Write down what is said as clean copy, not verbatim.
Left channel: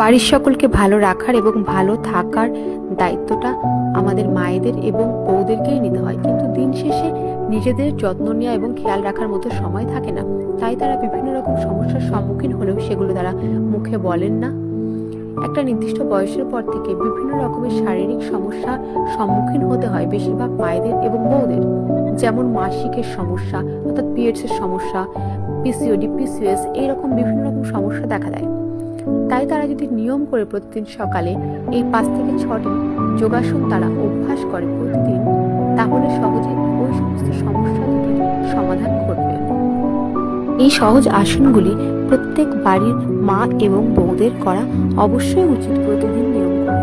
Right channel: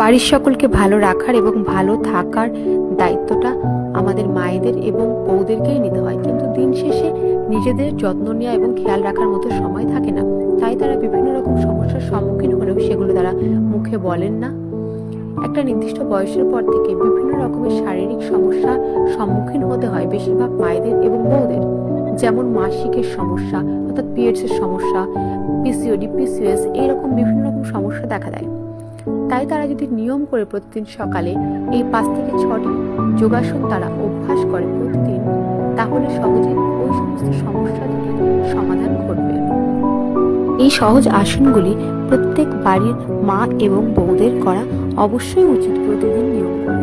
বাড়ির সকলকে ভালো রাখার এবং ভালো থাকার দায়িত্বটা আমাদের মায়েদের এবং বউদেরকেই নিতে হয়, কিন্তু দিন শেষে নিজেদের যত্ন নেওয়া এবং খেয়াল রাখার মতো সময় থাকে না। তাই তারা বিভিন্ন রকম সমস্যার সম্মুখীন হলেও সেগুলো তারা মুখে বলেন না। একটা নির্দিষ্ট বয়সের পর থেকে বিভিন্ন রকমের শারীরিক সমস্যা সম্মুখীন হতে হয় বেশিরভাগ মায়েদের এবং বউদের, যেমন মাসিকের সমস্যা অর্থাৎ পিরিয়ডস এর সমস্যা, পিসিওডি, পিসিওএস, এইরকম বিভিন্ন রকম সমস্যা দেখা দেয়। তাই তারা যদি নিয়ম করে প্রতিদিন সকালে এই 5 থেকে 6টি যোগাসন তারা অভ্যাস করে প্রতিদিন, তাহলে সহজে ওই সমস্ত সমস্যা থেকে সমাধান ঘটবে। এই সহজ আসনগুলি প্রত্যেক বাড়ির মা এবং বউদের করা অবশ্যই উচিত প্রতিদিন নিয়ম করে।